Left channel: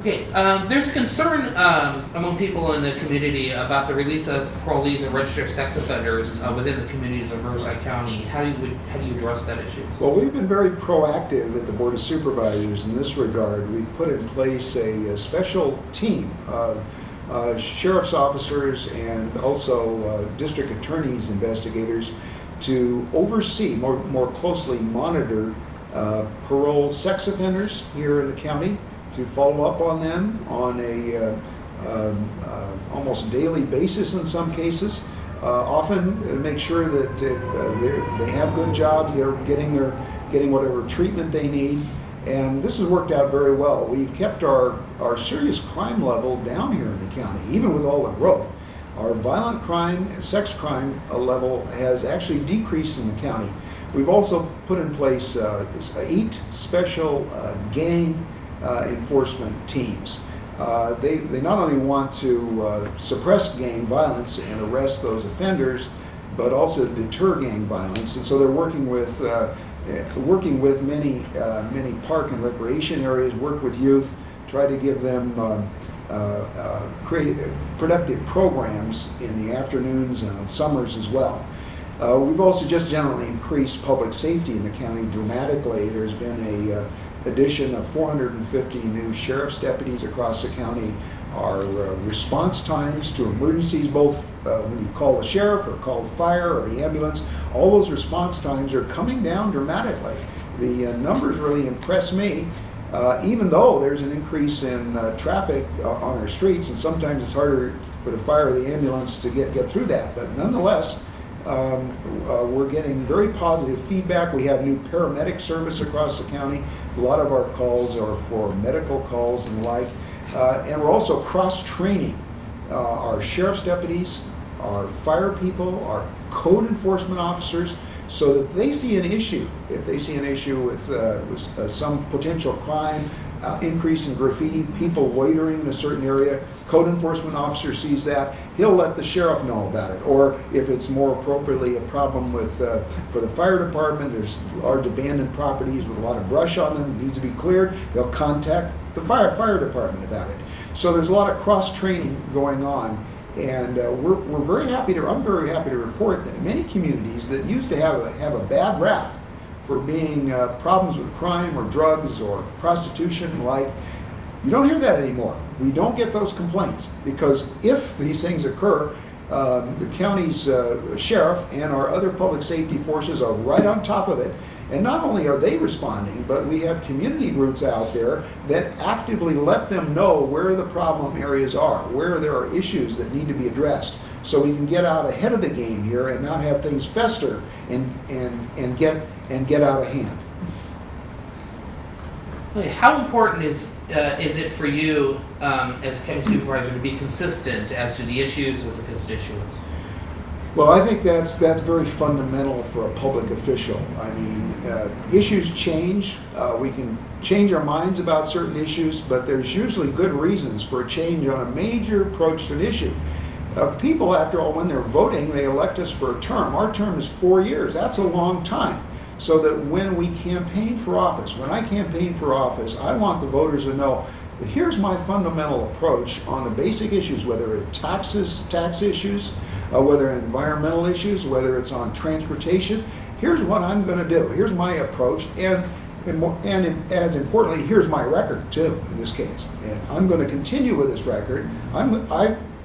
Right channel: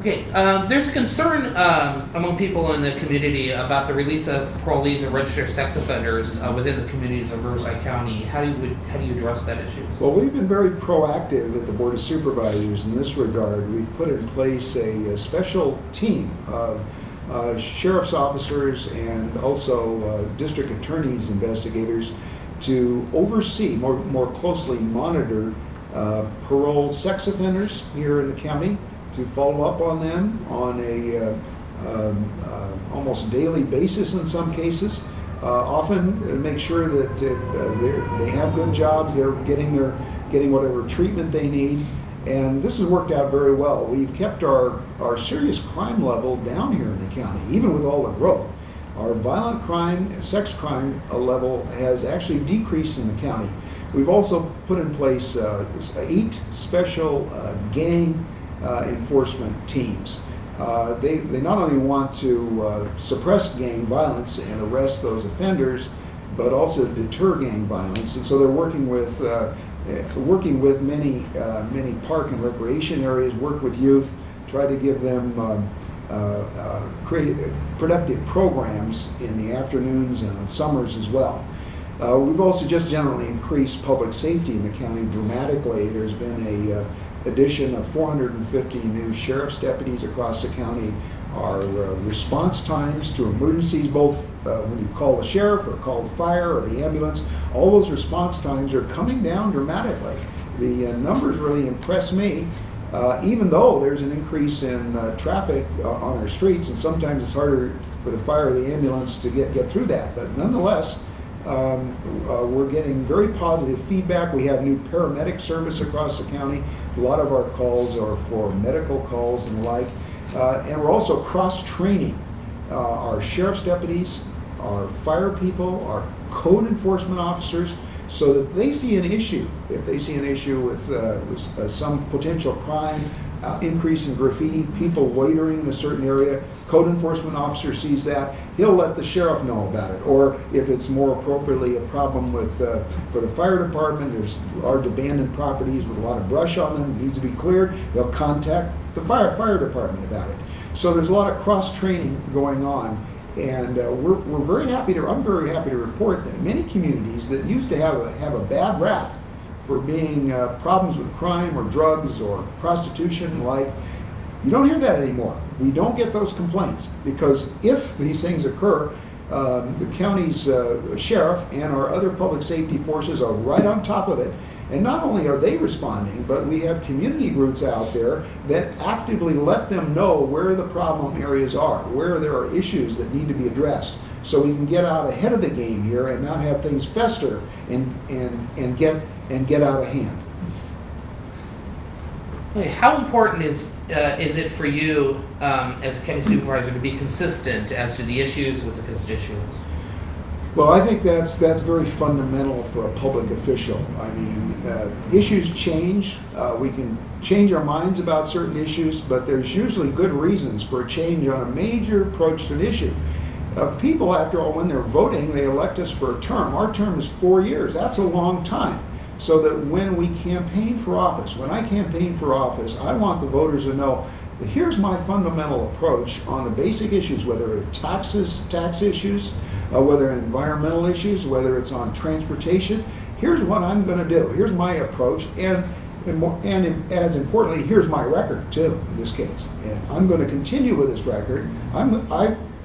Okay, there's a concern among people in the community about the release of parolees and registered sex offenders within the communities of Riverside County. How do you address that issue? Well, we've been very proactive at the Board of Supervisors in this regard. We've put in place a special team of sheriff's officers and also district attorneys, investigators, to oversee, more closely monitor parole sex offenders here in the county, to follow up on them on a almost daily basis in some cases. Often make sure that they have good jobs, they're getting whatever treatment they need, and this has worked out very well. We've kept our serious crime level down here in the county, even with all the growth. Our violent crime, sex crime level has actually decreased in the county. We've also put in place 8 special gang enforcement teams. They not only want to suppress gang violence and arrest those offenders, but also deter gang violence. And so they're working with many park and recreation areas, work with youth, try to give them productive programs in the afternoons and on summers as well. We've also just generally increased public safety in the county dramatically. There's been a addition of 450 new sheriff's deputies across the county. Our response times to emergencies, both when you call the sheriff or call the fire or the ambulance, all those response times are coming down dramatically. The numbers really impress me, even though there's an increase in traffic on our streets, and sometimes it's harder for the fire or the ambulance to get through that. But nonetheless, we're getting very positive feedback. We have new paramedic service across the county. A lot of our calls are for medical calls and the like. And we're also cross-training our sheriff's deputies, our fire people, our code enforcement officers, so that they see an issue. If they see an issue with some potential crime, increase in graffiti, people loitering in a certain area, code enforcement officer sees that, he'll let the sheriff know about it. Or if it's more appropriately a problem with for the fire department, there's large abandoned properties with a lot of brush on them, it needs to be cleared, they'll contact the fire department about it. So there's a lot of cross-training going on, and I'm very happy to report that many communities that used to have a bad rap for being problems with crime or drugs or prostitution and like, you don't hear that anymore. We don't get those complaints, because if these things occur, the county's sheriff and our other public safety forces are right on top of it. And not only are they responding, but we have community groups out there that actively let them know where the problem areas are, where there are issues that need to be addressed, so we can get out ahead of the game here and not have things fester and get out of hand. Okay, how important is it for you as a county supervisor to be consistent as to the issues with the constituents? Well, I think that's very fundamental for a public official. I mean, issues change. We can change our minds about certain issues, but there's usually good reasons for a change on a major approach to an issue. People, after all, when they're voting, they elect us for a term. Our term is 4 years. That's a long time. So that when we campaign for office, when I campaign for office, I want the voters to know, here's my fundamental approach on the basic issues, whether it's tax issues, whether environmental issues, whether it's on transportation. Here's what I'm going to do. Here's my approach, and as importantly, here's my record too. In this case, and I'm going to continue with this record.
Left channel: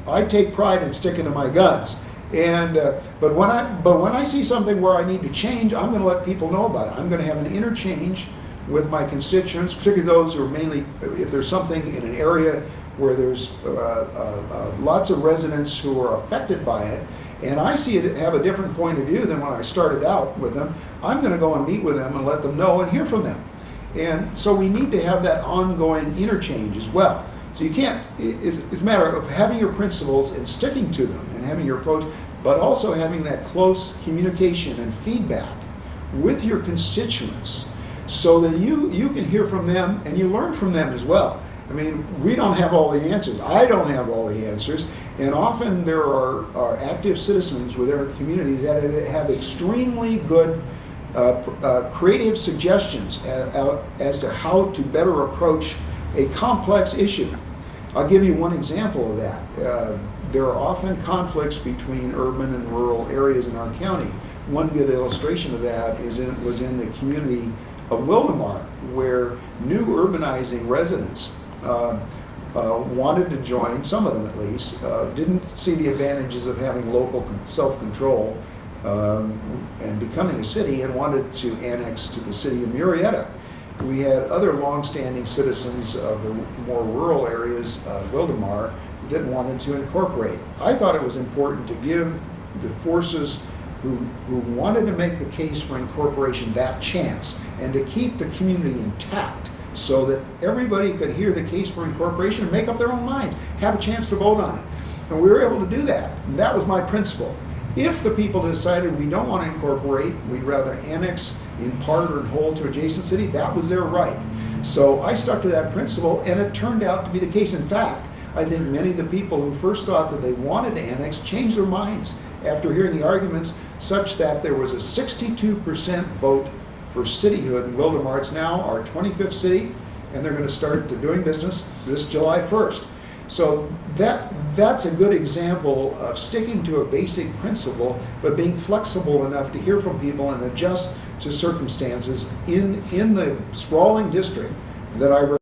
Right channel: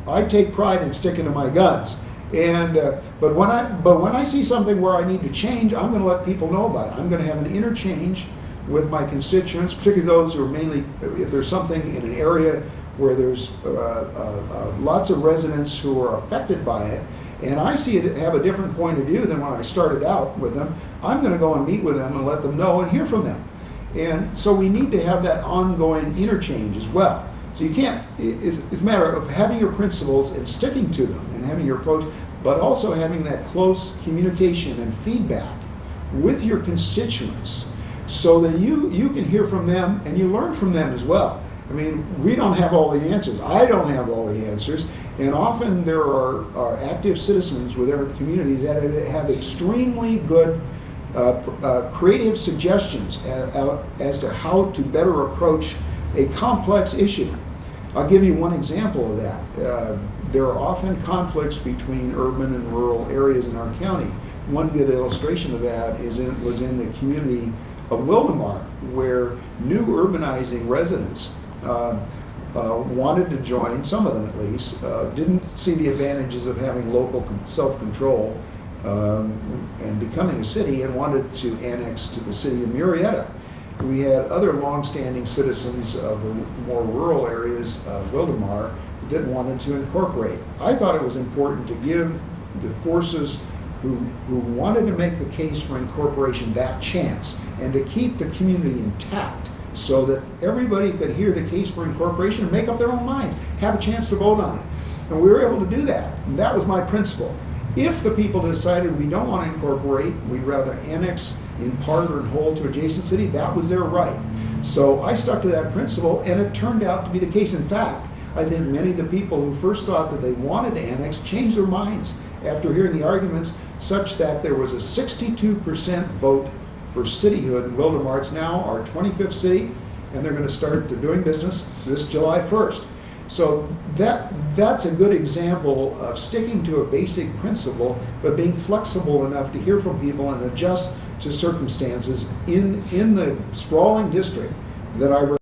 I take pride in sticking to my guns. And but when I see something where I need to change, I'm going to let people know about it. I'm going to have an interchange with my constituents, particularly those who are mainly, if there's something in an area where there's lots of residents who are affected by it, and I see it have a different point of view than when I started out with them, I'm going to go and meet with them and let them know and hear from them. And so we need to have that ongoing interchange as well. So you can't, it's a matter of having your principles and sticking to them and having your approach, but also having that close communication and feedback with your constituents so that you can hear from them and you learn from them as well. I mean, we don't have all the answers. I don't have all the answers. And often there are active citizens within our community that have extremely good creative suggestions as to how to better approach a complex issue. I'll give you one example of that. There are often conflicts between urban and rural areas in our county. One good illustration of that was in the community of Wildemar, where new urbanizing residents wanted to join, some of them at least, didn't see the advantages of having local self-control and becoming a city, and wanted to annex to the city of Murrieta. We had other long-standing citizens of the more rural areas of Wildemar that wanted to incorporate. I thought it was important to give the forces who wanted to make the case for incorporation that chance, and to keep the community intact so that everybody could hear the case for incorporation and make up their own minds, have a chance to vote on it. And we were able to do that. And that was my principle. If the people decided we don't want to incorporate, we'd rather annex in part or in whole to adjacent city, that was their right. So I stuck to that principle, and it turned out to be the case. In fact, I think many of the people who first thought that they wanted to annex changed their minds after hearing the arguments, such that there was a 62% vote for cityhood in Wildemar. It's now our 25th city, and they're going to start doing business this July 1st. So that's a good example of sticking to a basic principle, but being flexible enough to hear from people and adjust to circumstances in the sprawling district that I